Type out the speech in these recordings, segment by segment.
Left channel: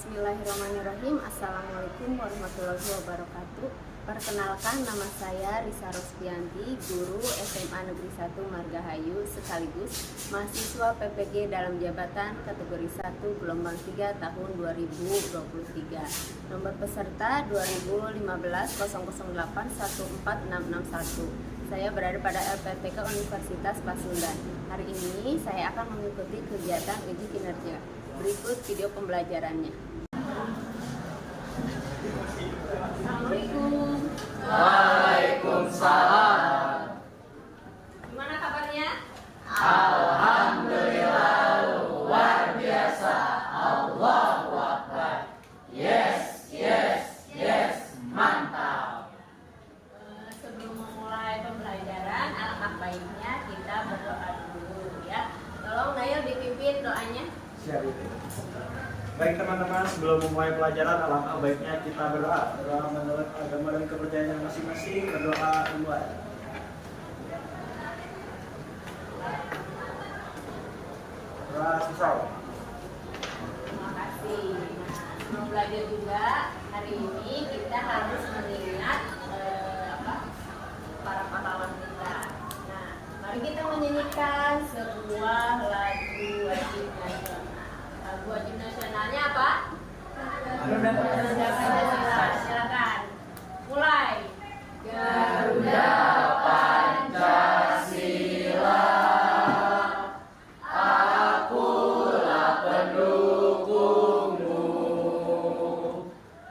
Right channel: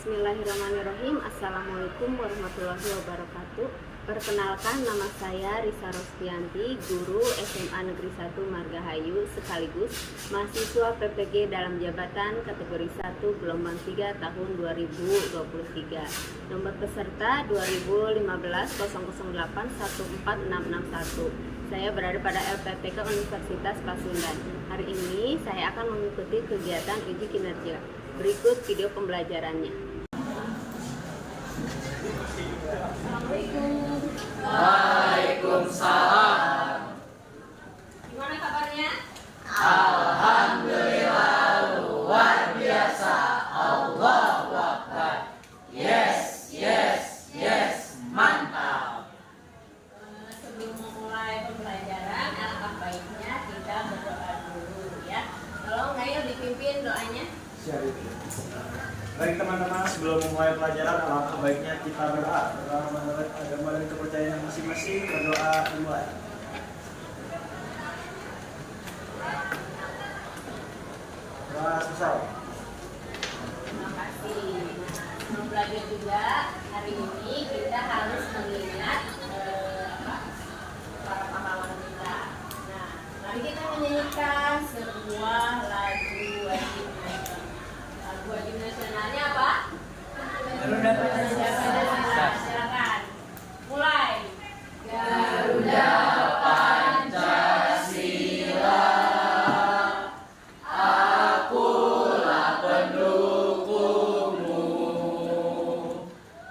Bismillahirrahmanirrahim. Assalamualaikum warahmatullahi wabarakatuh. Perkenalkan, nama saya Risa Rospianti, guru SMA Negeri 1 Margahayu, sekaligus mahasiswa PPG dalam jabatan kategori 1 gelombang 3 tahun 2023. Nomor peserta 2015-008-14661. Saya berada pada LPPK Universitas Pasundan. Hari ini saya akan mengikuti kegiatan uji kinerja. Berikut video pembelajarannya. Assalamualaikum. Waalaikumsalam. Gimana kabarnya? Alhamdulillah, luar biasa. Allahu Akbar. Yes, yes, yes. Mantap. Sebelum memulai pembelajaran, alangkah baiknya kita berdoa dulu ya. Tolong Nail dipimpin doanya. Siap. Baik teman-teman, sebelum memulai pelajaran alangkah baiknya kita berdoa menurut agama dan kepercayaan masing-masing. Berdoa dimulai. Doa sesal. Terima kasih. Sebelum belajar juga, hari ini kita harus mengingat para pahlawan kita. Nah, mari kita menyanyikan sebuah lagu wajib nasional. Lagu wajib nasionalnya apa? Garuda Pancasila. Silakan. Mulai. Garuda Pancasila, akulah pendukungmu,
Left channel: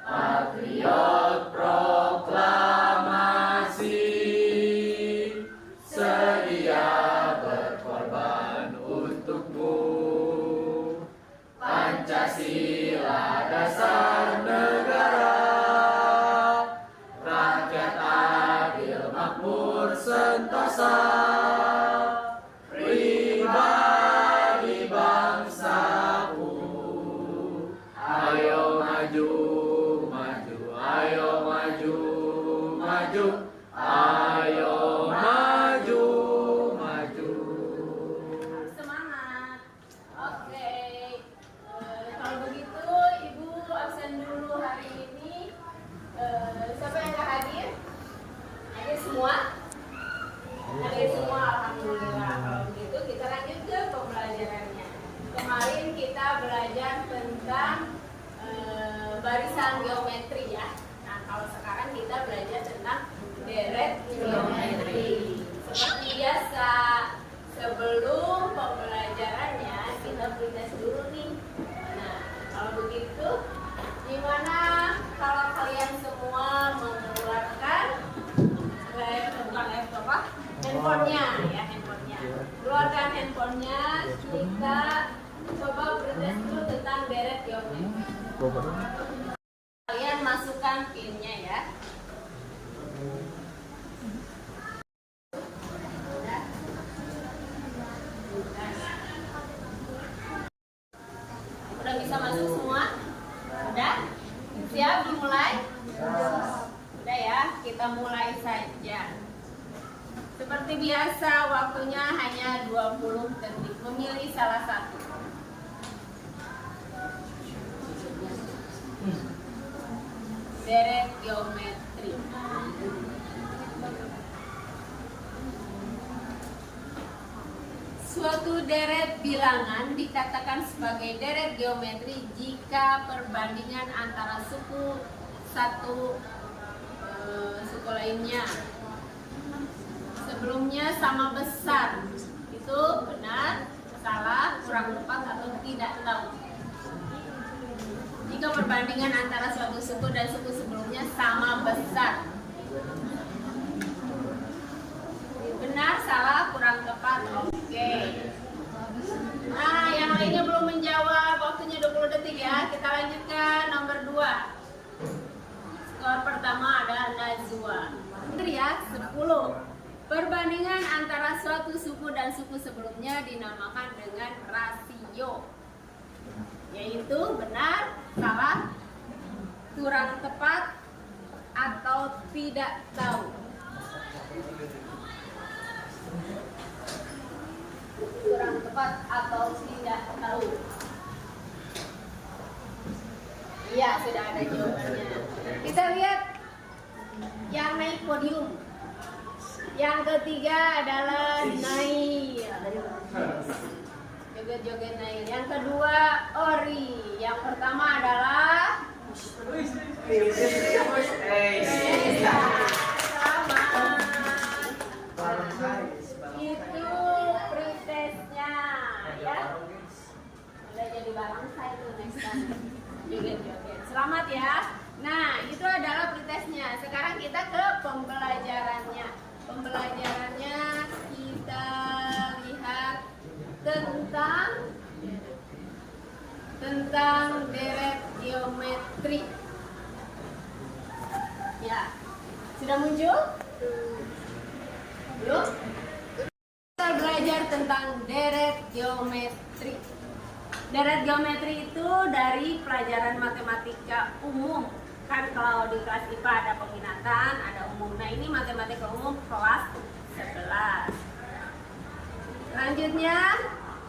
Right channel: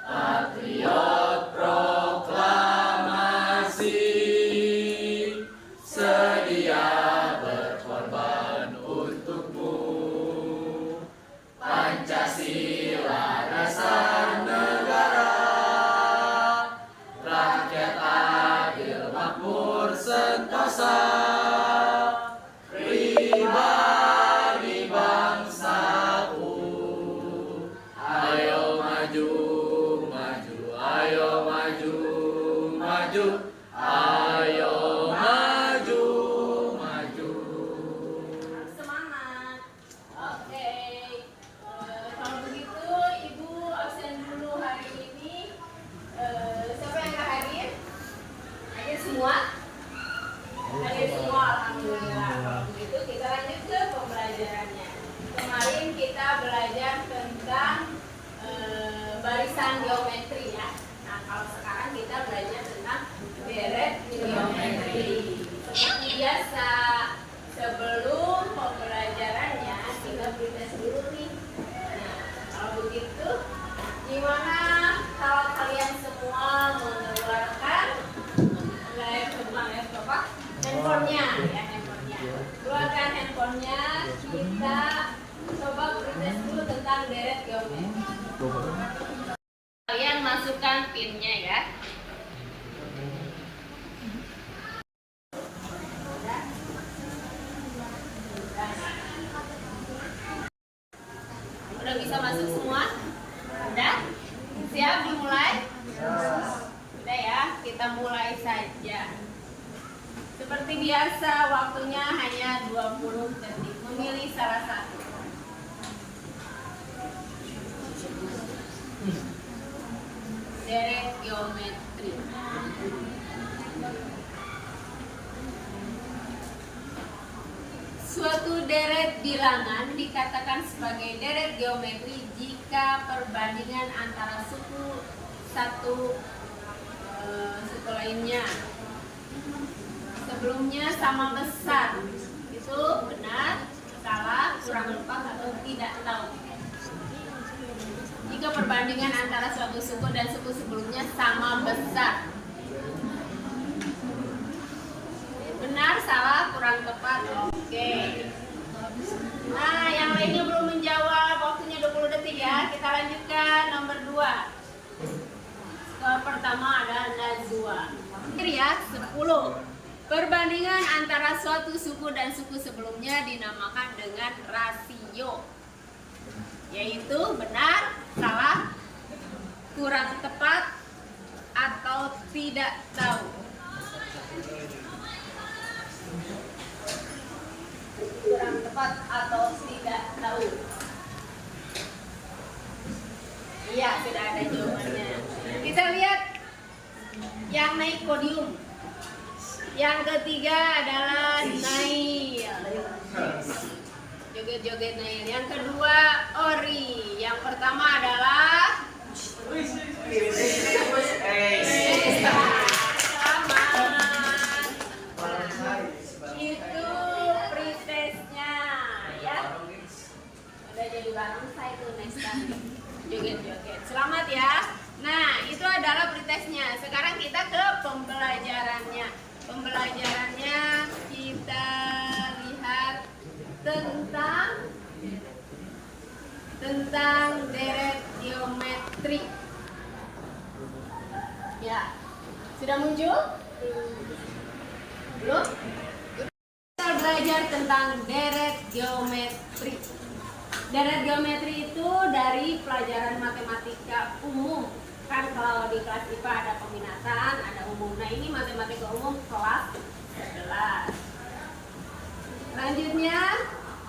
patriot proklamasi, sedia berkorban untukmu. Pancasila dasar negara, rakyat adil makmur sentosa, pribadi bangsaku. Ayo maju, maju, ayo maju, maju, ayo maju, maju. Harus semangat. Oke. Kalau begitu, Ibu absen dulu hari ini. Siapa yang nggak hadir? Hadir semua? Hadir semua, alhamdulillah. Kalau begitu kita lanjut ke pembelajarannya. Kemarin kita belajar tentang barisan geometri ya. Nah, kalau sekarang kita belajar tentang deret geometri. Seperti biasa, sebelum pembelajarannya kita beri tes dulu nih. Nah, kalau begitu, gimana kalau kalian semua mengeluarkan handphonenya ya, handphonenya. Keluarkan handphonenya, kita coba beri tes dulu tentang deret geometri. Kalian masukkan pinnya ya. Udah bisa masuk semua? Udah? Siap dimulai? Udah ya, kita mulai saja. Seperti biasa, waktunya hanya 20 detik. Memilih salah satu. Deret geometri. Suatu deret bilangan dikatakan sebagai deret geometri jika perbandingan antara suku satu suku lainnya sebelumnya sama besar. Itu benar, salah, kurang tepat, atau tidak tahu. Jika perbandingan antara suatu suku dan suku sebelumnya sama besar. Benar, salah, kurang tepat. Oke. Nah, yang lainnya belum menjawab. Waktunya 20 detik ya. Kita lanjutkan nomor 2. Skor pertama ada Najwa. Ya, 10. Perbandingan antara suatu suku dan suku sebelumnya dinamakan dengan rasio. Yaitu benar, salah, kurang tepat, atau tidak tahu. Kurang tepat atau tidak tahu. Ya, sudah ada jawabannya. Kita lihat yang naik podium. Yang ketiga adalah Nail. Joget-joget Nail. Yang kedua Ori. Yang pertama adalah itu pretestnya ya. Udah jadi barongsai tuh Nesta. Joget-joget. Selamat ya. Nah, itu adalah pretestnya. Sekarang kita ke pembelajarannya. Pembelajarannya kita lihat tentang deret geometri. Ya. Sudah muncul? Belum? Kita belajar tentang deret geometri. Deret geometri itu dari pelajaran matematika umum. Kan kalau di kelas IPA ada peminatan, ada umum. Nah, ini matematika umum kelas 11. Selanjutnya,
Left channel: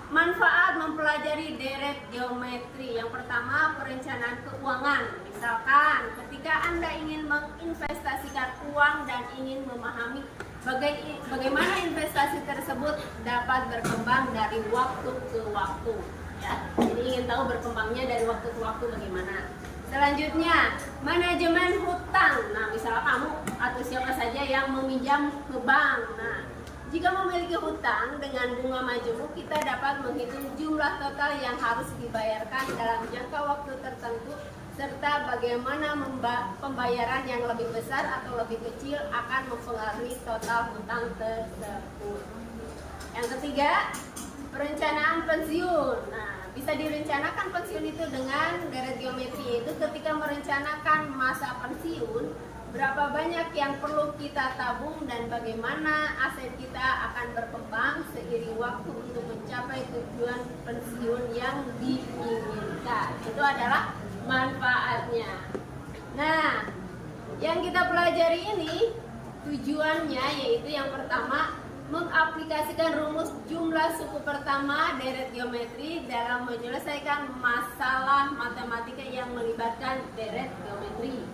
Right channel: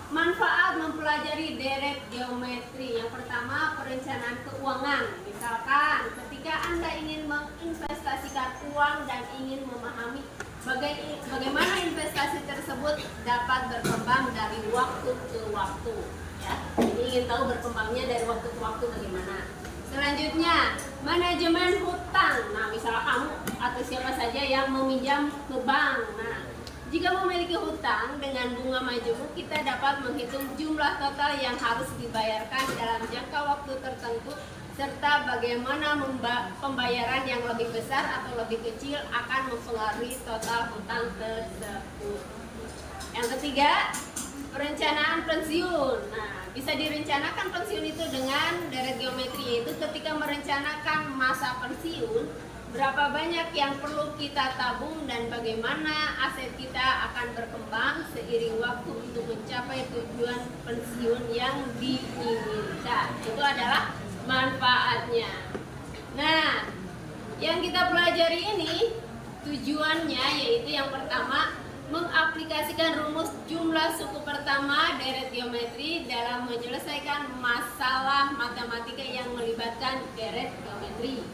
manfaat mempelajari deret geometri. Yang pertama, perencanaan keuangan. Misalkan ketika Anda ingin menginvestasikan uang dan ingin memahami bagaimana investasi tersebut dapat berkembang dari waktu ke waktu. Ya, jadi ingin tahu berkembangnya dari waktu ke waktu bagaimana. Selanjutnya, manajemen hutang. Nah, misalnya kamu atau siapa saja yang meminjam ke bank. Nah, jika memiliki hutang dengan bunga majemuk, kita dapat menghitung jumlah total yang harus dibayarkan dalam jangka waktu tertentu, serta bagaimana pembayaran yang lebih besar atau lebih kecil akan mempengaruhi total hutang tersebut. Yang ketiga, perencanaan pensiun. Nah, bisa direncanakan pensiun itu dengan deret geometri, yaitu ketika merencanakan masa pensiun, berapa banyak yang perlu kita tabung dan bagaimana aset kita akan berkembang seiring waktu untuk mencapai tujuan pensiun yang diinginkan. Itu adalah manfaatnya. Nah, yang kita pelajari ini tujuannya yaitu yang pertama, mengaplikasikan rumus jumlah suku pertama deret geometri dalam menyelesaikan masalah matematika yang melibatkan deret geometri.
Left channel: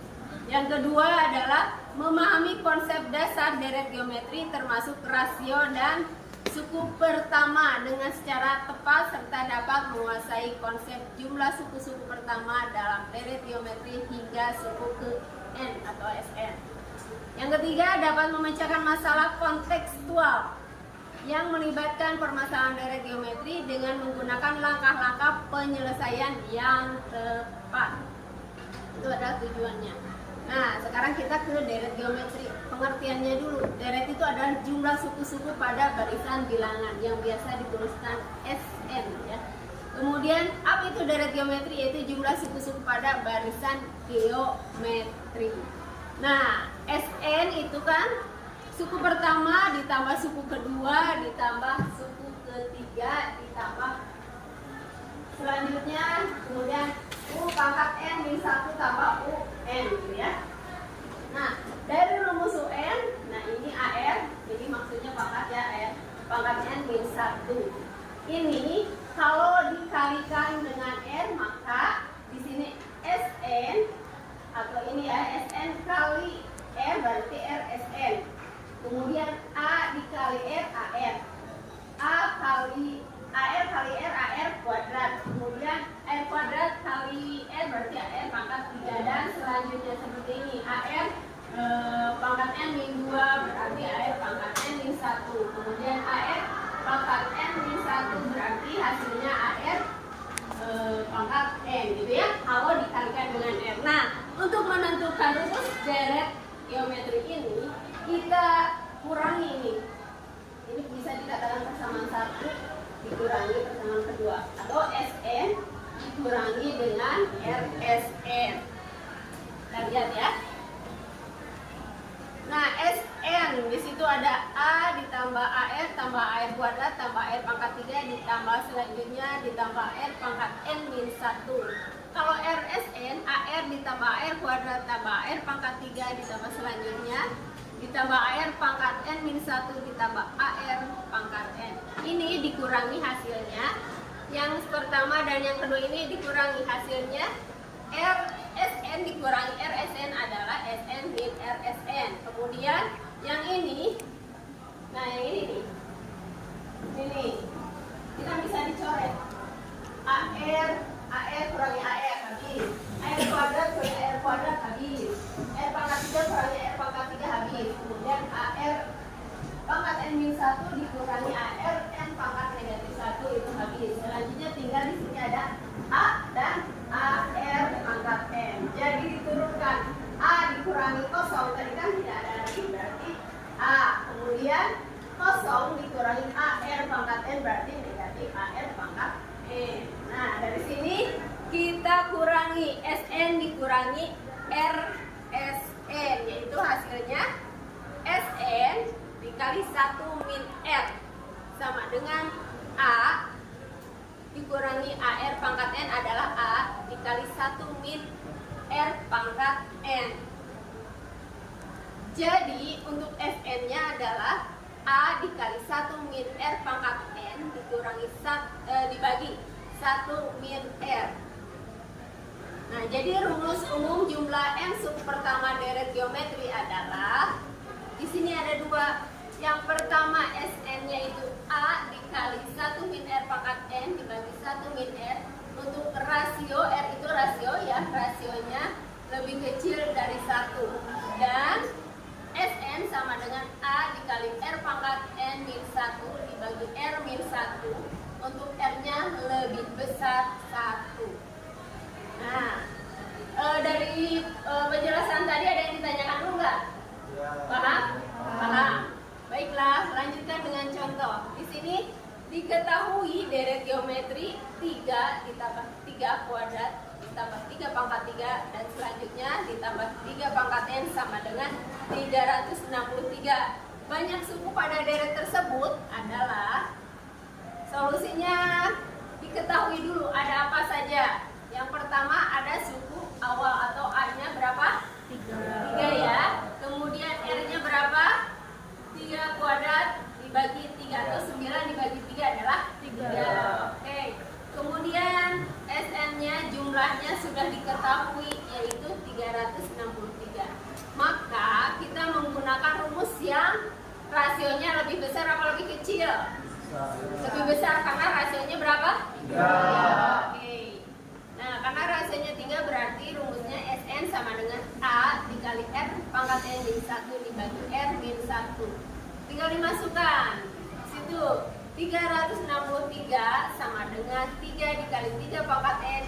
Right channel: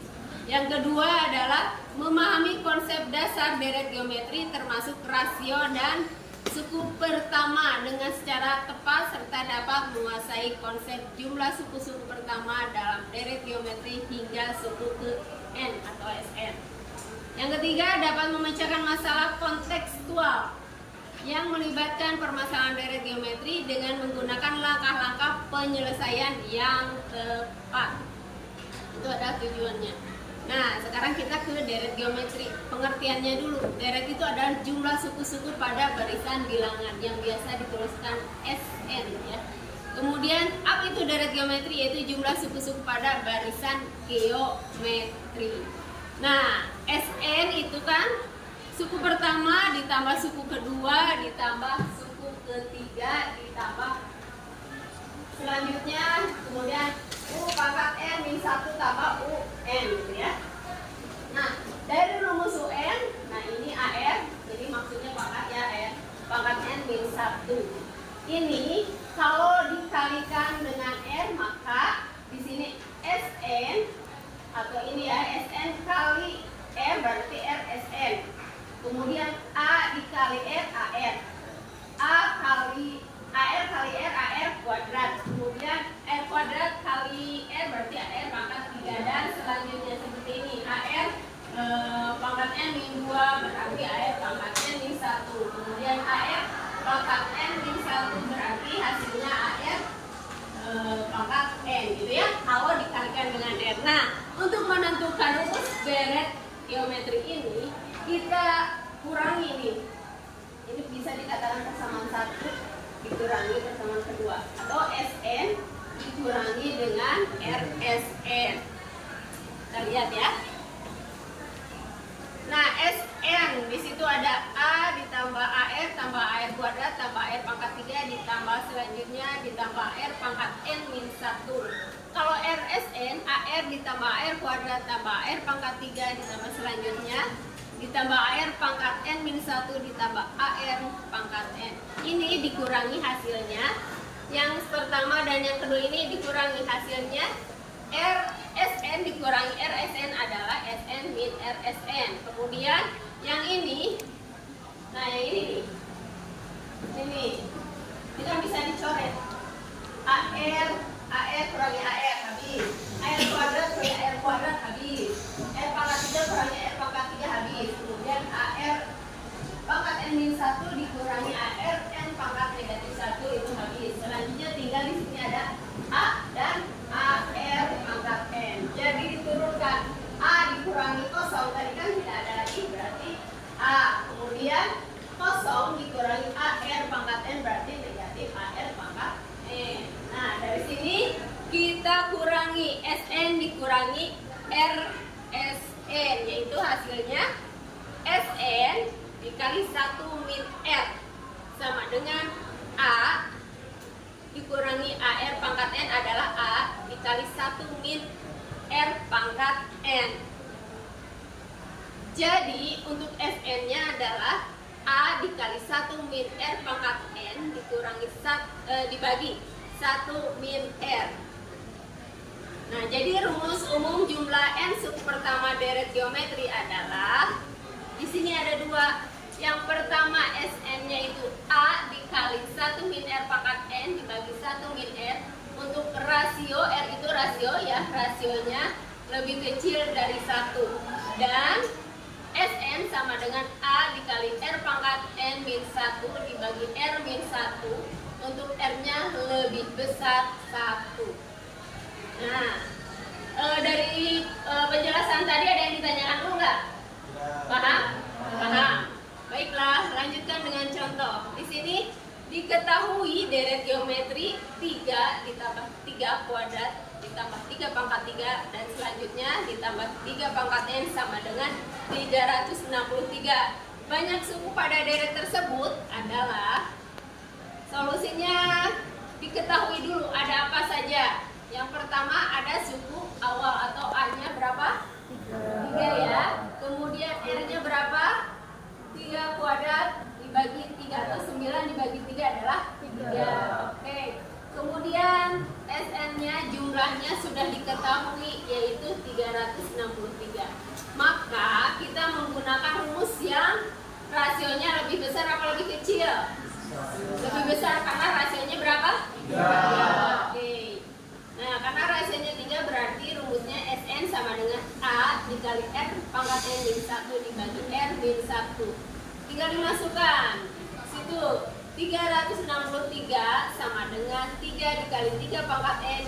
Yang kedua adalah memahami konsep dasar deret geometri termasuk rasio dan suku pertama dengan secara tepat serta dapat menguasai konsep jumlah suku-suku pertama dalam deret geometri hingga suku ke N atau Sn. Yang ketiga, dapat memecahkan masalah kontekstual yang melibatkan permasalahan deret geometri dengan menggunakan langkah-langkah penyelesaian yang tepat. Itu adalah tujuannya. Nah, sekarang kita ke deret geometri. Pengertiannya dulu. Deret itu adalah jumlah suku-suku pada barisan bilangan yang biasa dituliskan Sn ya. Kemudian, apa itu deret geometri? Yaitu jumlah suku-suku pada barisan geometri. Nah, Sn itu kan suku pertama ditambah suku kedua ditambah suku ketiga ditambah selanjutnya kemudian U pangkat N min 1 tambah UN gitu ya. Nah, dari rumus UN, nah ini AR, jadi maksudnya pangkat ya R, pangkat N min 1. Ini kalau dikalikan dengan R maka di sini Sn atau ini ya Sn kali R berarti RSN. Kemudian A dikali R AR. A kali AR kali R AR kuadrat. Kemudian R kuadrat kali R berarti AR pangkat 3 dan selanjutnya seperti ini. AR pangkat N min 2 berarti AR pangkat N min 1. Kemudian AR pangkat N min 1 berarti hasilnya AR pangkat N gitu ya. Kalau dikalikan dengan R. Nah, untuk menentukan rumus deret geometri ini kita kurangi ini. Ini bisa dikatakan persamaan 1 dikurangi persamaan kedua atau Sn dikurangi dengan RSN. Kita lihat ya. Nah, Sn di situ ada A ditambah AR tambah AR kuadrat tambah AR pangkat 3 ditambah selanjutnya ditambah R pangkat N min 1. Kalau RSN, AR ditambah AR kuadrat tambah AR pangkat 3 ditambah selanjutnya ditambah AR pangkat N min 1 ditambah AR pangkat N. Ini dikurangi hasilnya. Yang pertama dan yang kedua ini dikurangi hasilnya Sn dikurangi Rsn adalah Sn min Rsn. Kemudian yang ini, nah yang ini nih, ini kita bisa dicoret. AR kurangi AR habis. AR kuadrat kurangi AR kuadrat habis. R pangkat 3 kurangi R pangkat 3 habis. Kemudian AR pangkat N min 1 dikurangi AR N pangkat negatif 1 itu habis. Selanjutnya tinggal di sini ada A dan AR pangkat N. Jadi diturunkan A dikurangi kosong, tadi kan tidak ada lagi, berarti A. Kemudian kosong dikurangi AR pangkat N berarti negatif AR pangkat N. Nah, dari sini kita kurangi Sn dikurangi Rsn, yaitu hasilnya Sn dikali 1 min R sama dengan A dikurangi AR pangkat N adalah A dikali 1 min R pangkat N. Jadi untuk Sn-nya adalah A dikali 1 min R pangkat N dikurangi dibagi 1 min R. Nah, jadi rumus umum jumlah N suku pertama deret geometri adalah di sini ada dua. Yang pertama Sn-nya itu A dikali 1 min R pangkat N dibagi 1 min R. Untuk rasio, R itu rasio ya, rasionya lebih kecil dari 1. Dan Sn sama dengan A dikali R pangkat N min 1 dibagi R min 1. Untuk R-nya lebih besar 1. Nah, dari penjelasan tadi ada yang ditanyakan dulu nggak? Paham? Paham. Baiklah, lanjutkan dengan contoh. Di sini diketahui deret geometri 3 ditambah 3 kuadrat ditambah 3 pangkat 3 dan selanjutnya ditambah 3 pangkat N sama dengan 363. Banyak suku pada deret tersebut adalah solusinya diketahui dulu ada apa saja. Yang pertama ada suku awal atau A-nya berapa? 3 ya. Kemudian R-nya berapa? 3 kuadrat dibagi 3 atau 9 dibagi 3 adalah 3. Oke. Kemudian Sn-nya jumlahnya sudah diketahui yaitu 363. Maka kita menggunakan rumus yang rasionya lebih besar apa lebih kecil? Lebih besar karena rasionya berapa? 3. Oke. Nah, karena rasionya 3 berarti rumusnya Sn sama dengan A dikali R pangkat N min 1 dibagi R min 1. Tinggal dimasukkan. Situ 363 sama dengan 3 dikali 3 pangkat N